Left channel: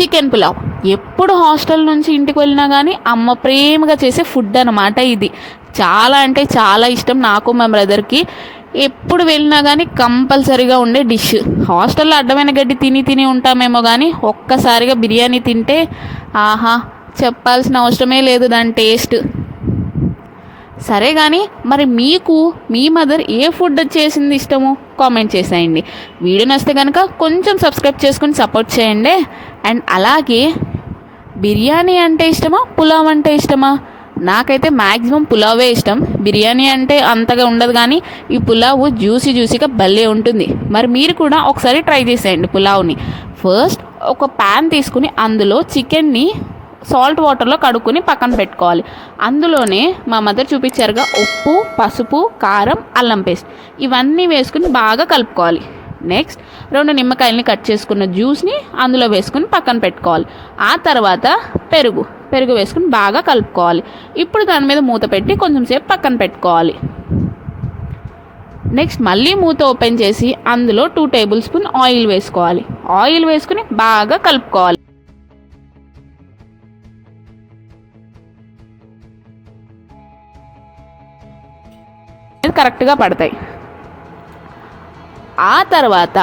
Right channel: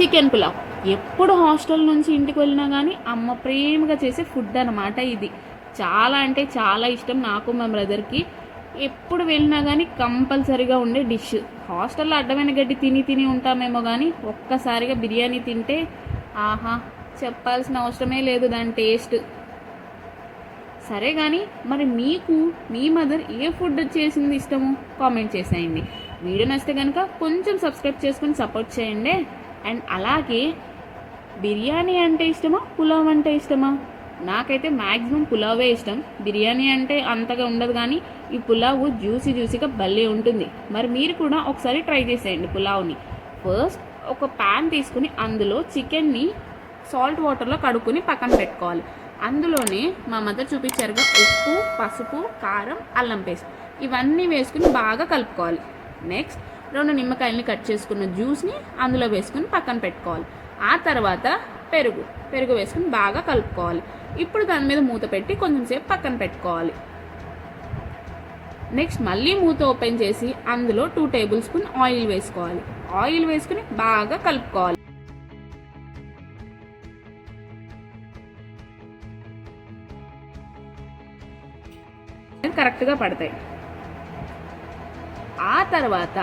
Chicken pulao. ఎప్పుడు hostel నుంచి ఇంటికి వెళ్ళినా కానీ అమ్మ ప్రేమగా చేసే ఫుడ్ అనమాట ఇది. చాలా అంటే చాలా ఇష్టం నాకు మా బ్రదర్కి ఎప్పుడు వెళ్ళినా కానీ కంపల్సరీగా ఉండే డిష్. హాస్టల్లో అడ్డమైన గడ్డి తిని తిని ఉంటామేమో కానీ ఒక్కసారిగా బిర్యానీ తింటే ఆహా చెప్పాల్సిన అవసరమే లేదు దాని టేస్ట్. సరే కానీ మరి మీకు మీ మదర్ ఏ ఫుడ్ చేసింది ఇష్టము? కామెంట్ చేసేయండి. వీడియో నచ్చితే కనుక కొంచెం సబ్స్క్రైబ్ చేసుకుని సపోర్ట్ చేయండి. అండ్ అలాగే బిర్యానీ అంటే ఇష్టమా? పులావ్ అంటే ఇష్టమా? నాకైతే మ్యాక్సిమం పులావే ఇష్టం. బిర్యానీ అంటే అంతగా ఉండదు కానీ ఈ పులావ్ జ్యూసీ జ్యూసీగా భలే ఉంటుంది. మరి మీరు కూడా ఒకసారి ట్రై చేసేయండి పులావ్ని. ఫస్ట్ ఒక ప్యాన్ తీసుకుని అందులో చికెన్ని సాల్ట్ వాటర్లో కడుక్కొని పక్కన పెట్టుకోవాలి. అందులోనే మా మదర్ చూపించారుగా ఉప్పు పసుపు కారం అల్లం పేస్ట్. ఇవన్నీ వేసుకుని బాగా కలుపుకోవాలి. నెక్స్ట్ రెండు నిమ్మకాయలని కట్ చేసుకున్న జ్యూస్ని అందులో వేసుకుని పక్కన పెట్టుకోవాలి. ఆ తర్వాత పెరుగు. పెరుగు వేసుకుని బాగా కలుపుకోవాలి. ఇప్పుడు దాని మీద మూత పెట్టి కొంచెం సేపు పక్కన పెట్టుకోవాలి. నెక్స్ట్ మళ్ళీ మూత ఓపెన్ చేసి అందులో టూ టేబుల్ స్పూన్ ఆయిల్ వేసుకోవాలి. ఆయిల్ వేసుకుని బాగా కలుపుకోవాలి. కరెక్ట్గా పడతాయి. ఆ తర్వాత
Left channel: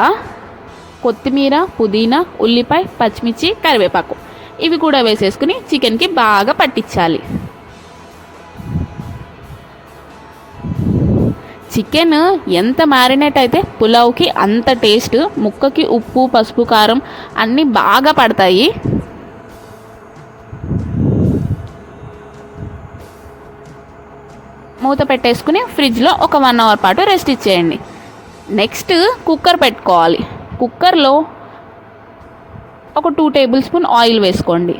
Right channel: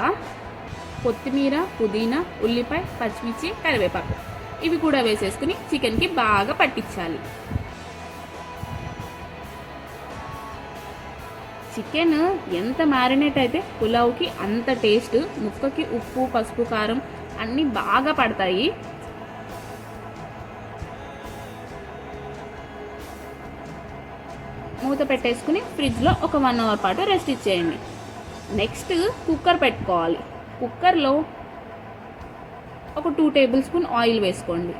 కొత్తిమీర పుదీనా ఉల్లిపాయ పచ్చిమిర్చి కరివేపాకు ఇవి కూడా వేసేసుకుని చికెన్కి బాగా పట్టించాలి. చికెన్ ఎంత మ్యారినేట్ అయితే పులావ్కి అంత టేస్ట్ ముక్కకి ఉప్పు పసుపు కారం అన్నీ బాగా పడతాయి. మూత పెట్టేసుకుని ఫ్రిడ్జ్లో ఒక వన్ అవర్ పాటు రెస్ట్ ఇచ్చేయండి. నెక్స్ట్ కుక్కర్ పెట్టుకోవాలి. కుక్కర్లో ఒక టూ టేబుల్ స్పూన్ ఆయిల్ వేసుకోండి.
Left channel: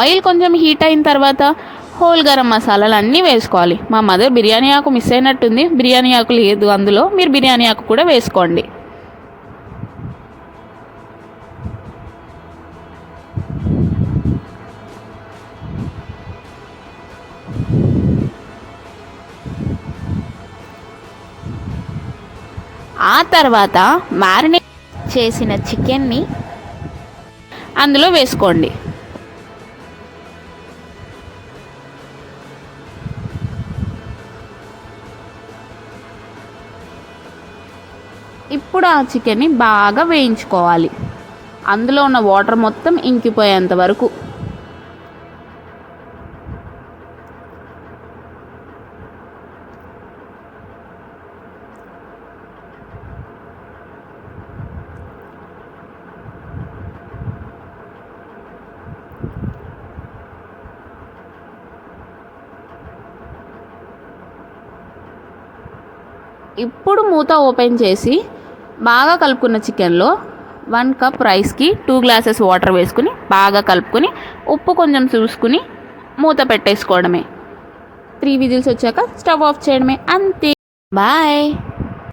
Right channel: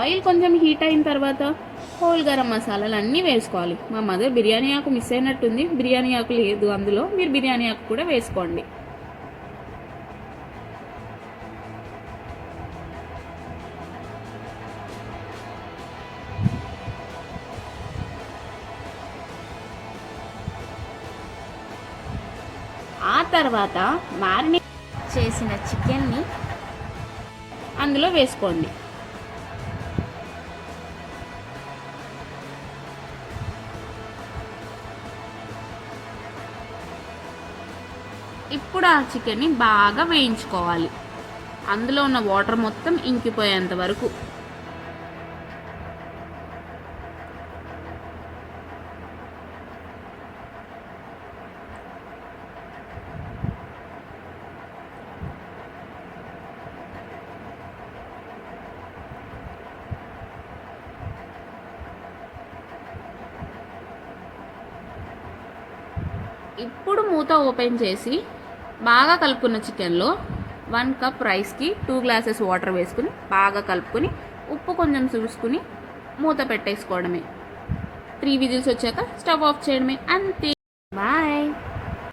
ఆయిల్ కొంచెం హీట్ అయిన తర్వాత హోల్ గరం మసాలాలు అన్నీ వేసుకోవాలి. మా మదర్ బిర్యానీ ఆకు మిస్ అయినట్టుంది. బిర్యానీ ఆకు లేదు అందులో. మీరు బిర్యానీ ఆకు కూడా వేసుకోండి. ఆ తర్వాత మ్యారినేట్ చేసిన చికెన్ని అందులో వేసుకోండి. ఇప్పుడు ఆ చికెన్ని బాగా వేయించుకోవాలి. అందులో ఉన్న వాటర్ మొత్తం ఇంకిపోయేంత వరకు. ఇప్పుడు మూత ఓపెన్ చేసి బాగా కలుపుకున్న చికెన్లో వన్ కప్ రైస్కి టూ గ్లాసెస్ వాటర్ వేసుకుని బాగా కలుపుకొని ఉప్పు కొంచెం చూసుకుని మూత పెట్టేసుకోవడమే. త్రీ విజిల్స్ వచ్చాక స్టవ్ ఆఫ్ చేయడమే. అంతే. బాయ్.